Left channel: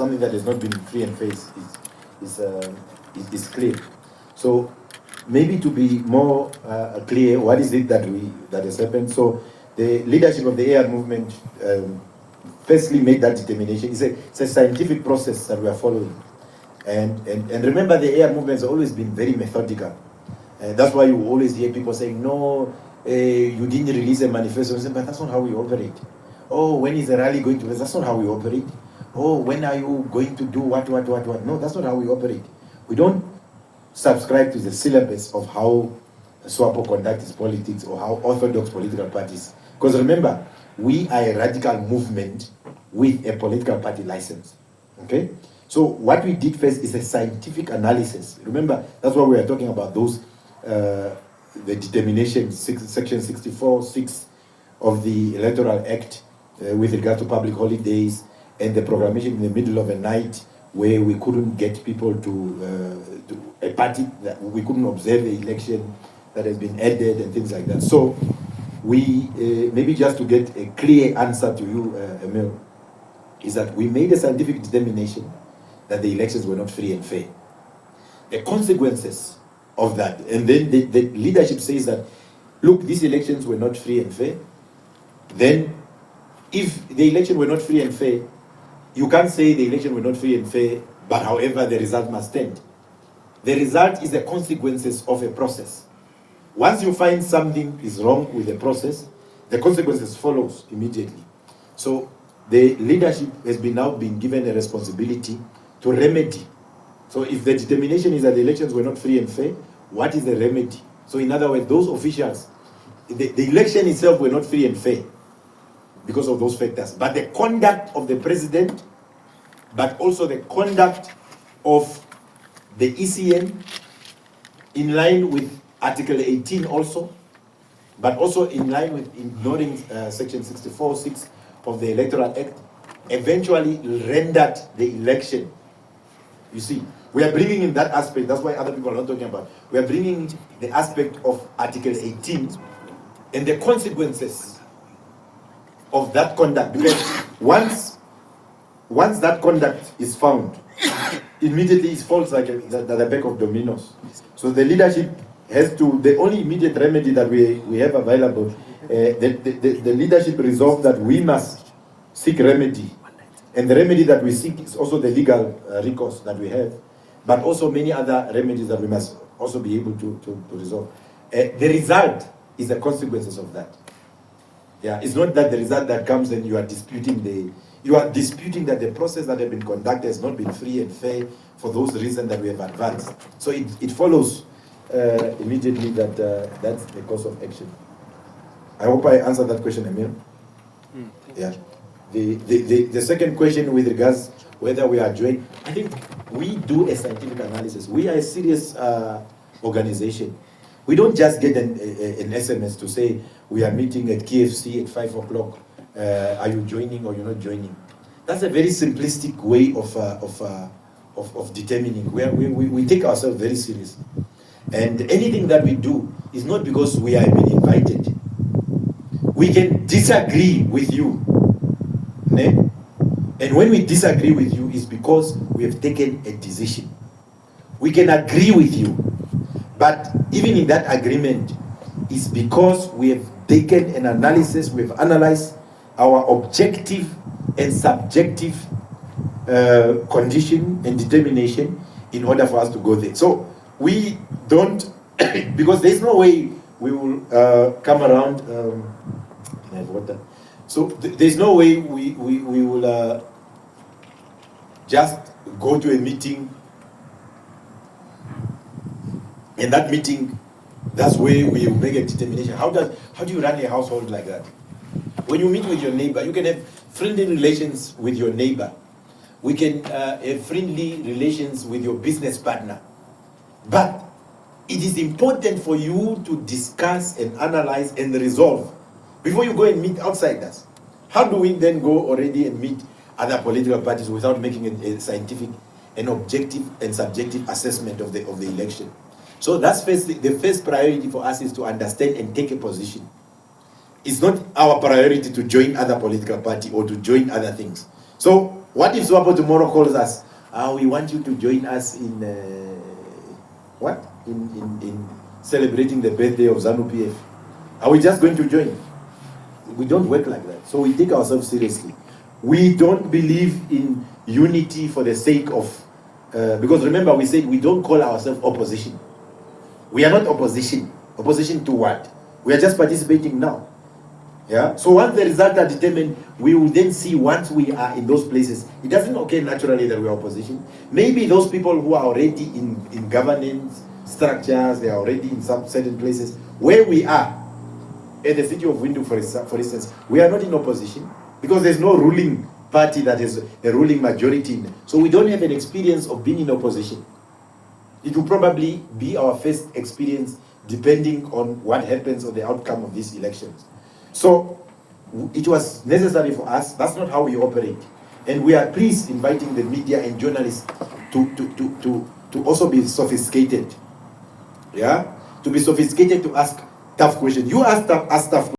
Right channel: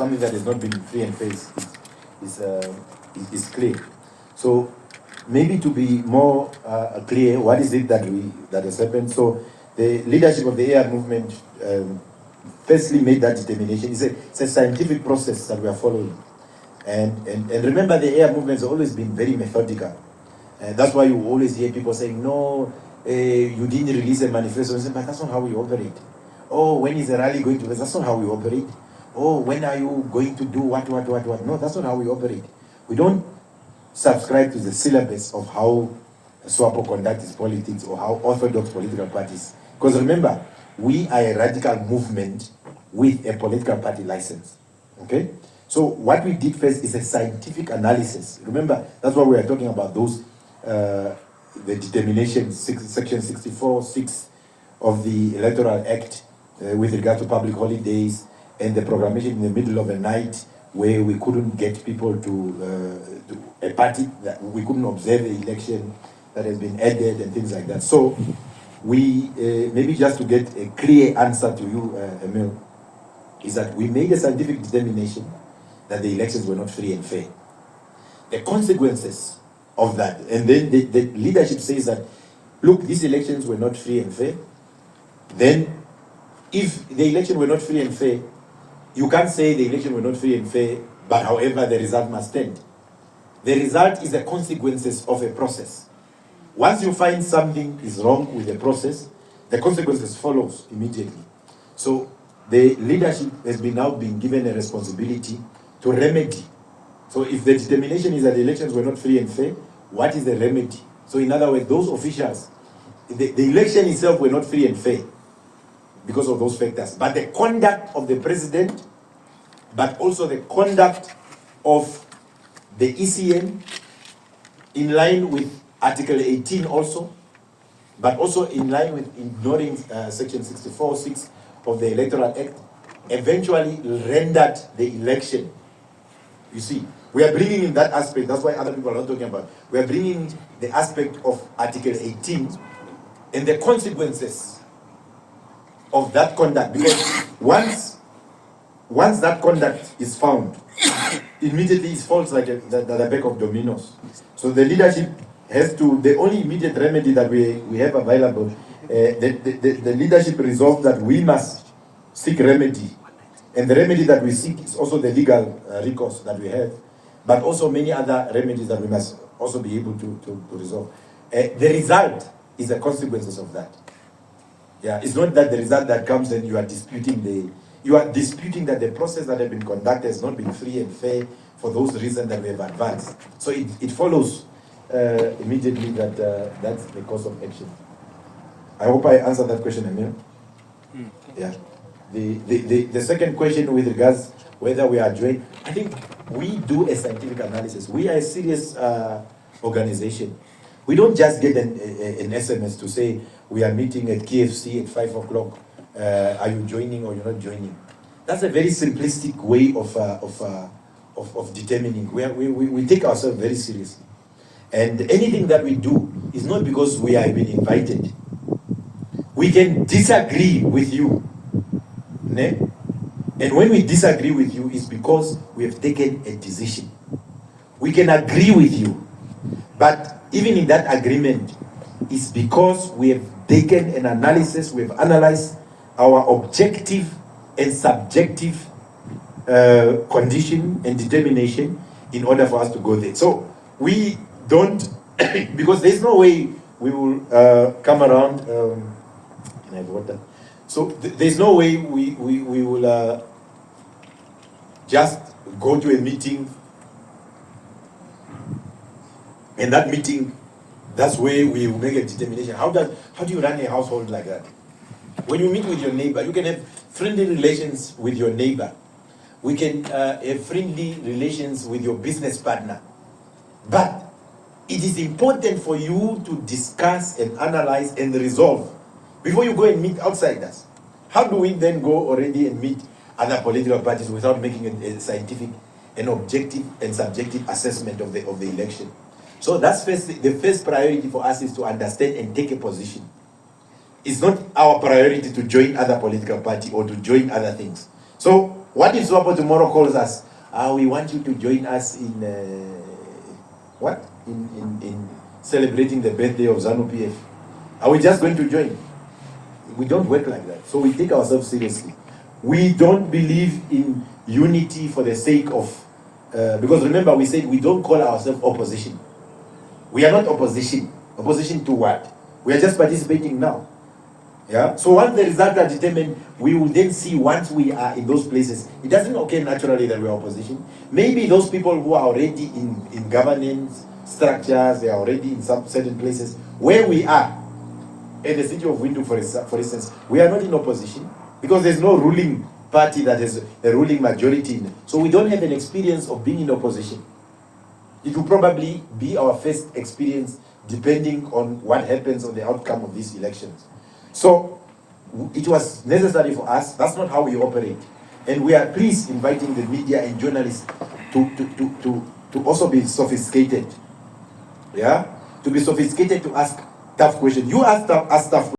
something that has not been free and fair is clear. So maybe to be more clear, what is it that has happened? So the leadership of the AR movement firstly made that determination. It's a scientific process that we are following. And remember, the AR movement has always been very methodical. That's why you always hear people saying, no, you didn't release a manifesto. Say, but that's not how we operate. Oh, when is the rally going to be? That's not how we operate. Oh, when are you going to do what? No, that's not how we operate. We don't subscribe to the syllabus of how SWAPO conducts its politics or how orthodox political parties. Because remember, we are a radical movement with a political party license. Okay? So what we did first is a scientific analysis. Remember, that's what we are talking about, those, the determination, section 64(6) of the Electoral Act with regard to public holidays and the proclamation in the middle of the night where we couldn't get people to a party, that we couldn't observe the election that has been added and things like that. So we, maybe just to get a clear answer to you, Emil, is that we made a scientific determination that the elections were not free and fair. The consequences of that, and then the leadership says that, look, these elections were not free and fair. Then, if the election were not free and fair, you can't say the election were not free and fair, but however, the result must stand. The result is the consequences of a process. Once you find something is wrong with the process, the consequences follows immediately. So the leadership has now been given a responsibility to remedy. So if the determination is that the elections were not free and fair, what is the remedy? So in other words, those officials, the election itself were not free and fair because of those factors. But the conduct of the president, but also the conduct of the ECN, in line with Article 18 also, but also in line with ignoring Section 64(6) of the Electoral Act, eventually rendered the election. You see, we are bringing in that aspect. That's why other people are not talking about. We are bringing the aspect of Article 18 and the consequences of that conduct. Because once that conduct is found, immediately it falls like the back of dominoes. So the leadership has to, the only immediate remedy that we have available, the leadership resolved that we must seek remedy. And the remedy that we seek is also the legal recourse that we have, but also many other remedies that we must also be able to resolve. The result is the consequences of that. Yeah, it's not that the result that comes and you are disputing that the process that has been conducted has not been free and fair for those reasons that we have advanced. So it follows immediately that that's the course of action. I hope I answered that question, Emil. Yeah. The second question with regards whether we are joined, I think we do a scientific analysis. We are a serious organization. We don't just get an SMS to say we are meeting at KFC at 5 o'clock. Are you joining or you're not joining? That's a very simplistic way of determining. We take ourselves very seriously. And anything that we do is not because we are being invited. We can disagree with you. Ne? And when we disagree with you, it's because we have taken a decision. We can agree with you, but even in that agreement, it's because we have taken an analysis, we have analyzed our objective and subjective condition and determination in order for us to go there. So we don't, because there's no way we will come around. Can I have water? So there's no way we will just go to a meeting, and that meeting, that's where we make a determination. How do you run a household like that? When you meet with your neighbor, you can have friendly relations with your neighbor. We can have friendly relations with your business partner. But it is important for you to discuss and analyze and resolve before you go and meet outsiders. How do we then go already and meet other political parties without making a scientific and objective and subjective assessment of the election? So that's the first priority for us is to understand and take a position. It's not our priority to join other political party or to join other things. So What if Swapo tomorrow calls us? We want you to join us in what? In celebrating the birthday of ZANU PF. Are we just going to join? We don't work like that. So we take ourselves seriously. We don't believe in unity for the sake of, because remember we said we don't call ourselves opposition. We are not opposition. Opposition to what? We are just participating now. Yeah. So once the results are determined, we will then see once we are in those places. It doesn't occur naturally that we are opposition. Maybe those people who are already in governance structures, they are already in some certain places where we are. In the city of Windhoek, for instance, we are not in opposition because there's no ruling party that is a ruling majority. So we don't have an experience of being in opposition. It will probably be our first experience depending on what happens on the outcome of these elections. So it was necessary for us. That's not how we operate. And we are pleased inviting the media and journalists to also be sophisticated. Yeah? To be sophisticated to ask tough questions. You ask tough